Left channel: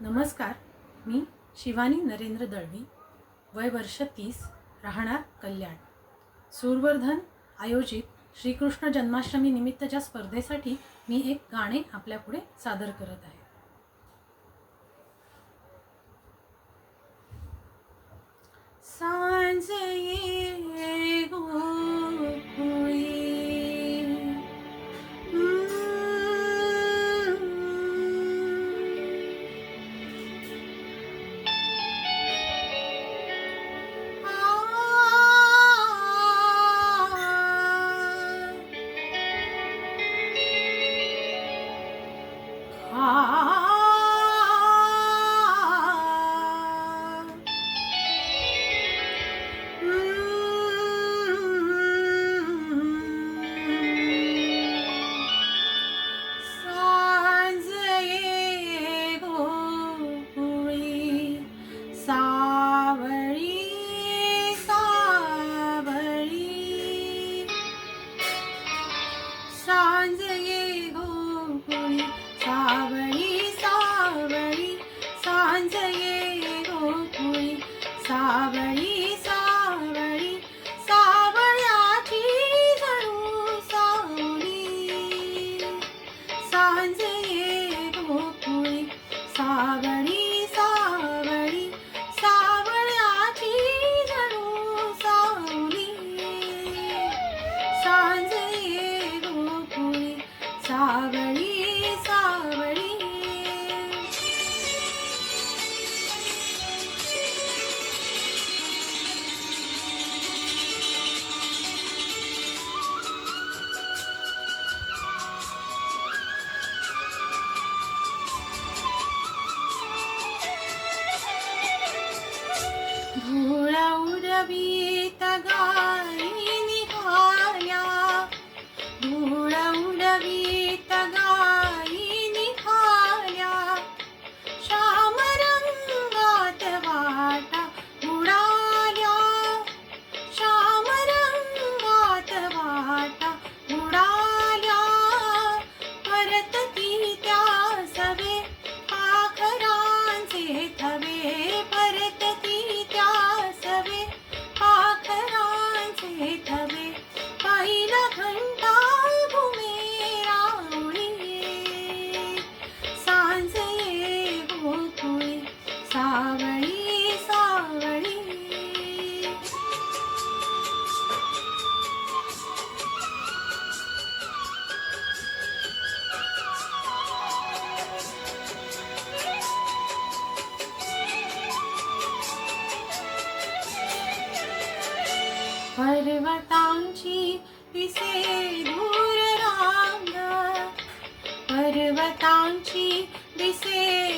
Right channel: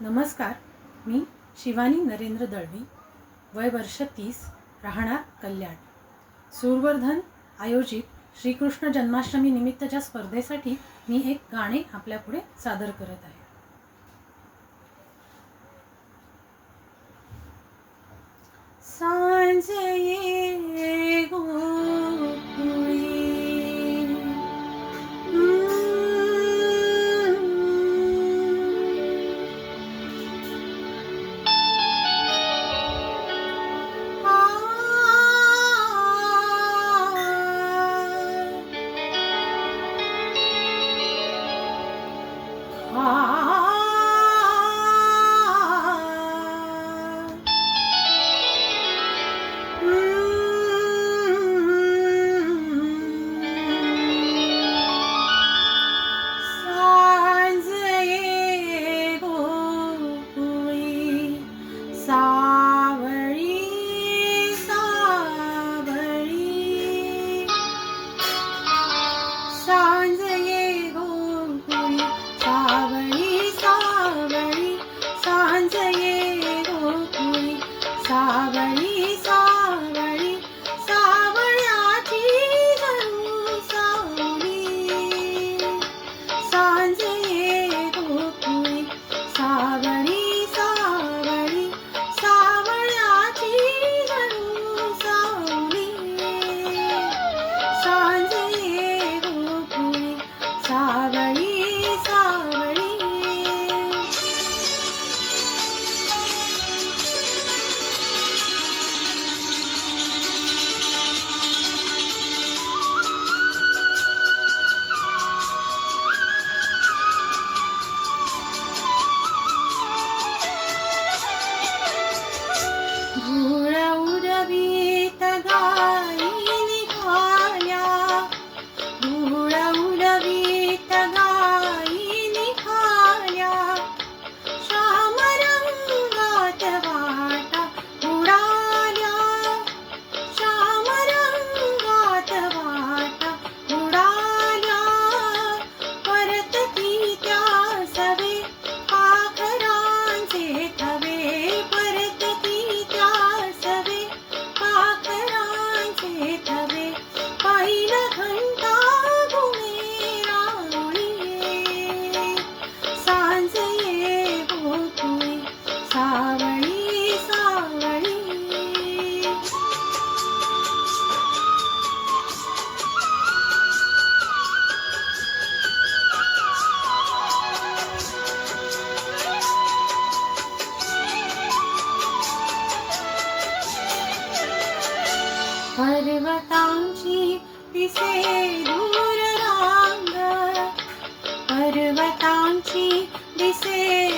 नमस्कार मी शिवानी नरेंद्र दळवी वय वर्ष तीस राहणार कल्याण. सुरवर्धन आयोजित श्रीकृष्ण जन्माष्टमी निमित्तच्या स्पर्धेसाठी मी एक गाणे आपल्यापुढे सादर करत आहे. தாவணி पर्वतांची दिसे दूर रांग पर्वतांची दिसे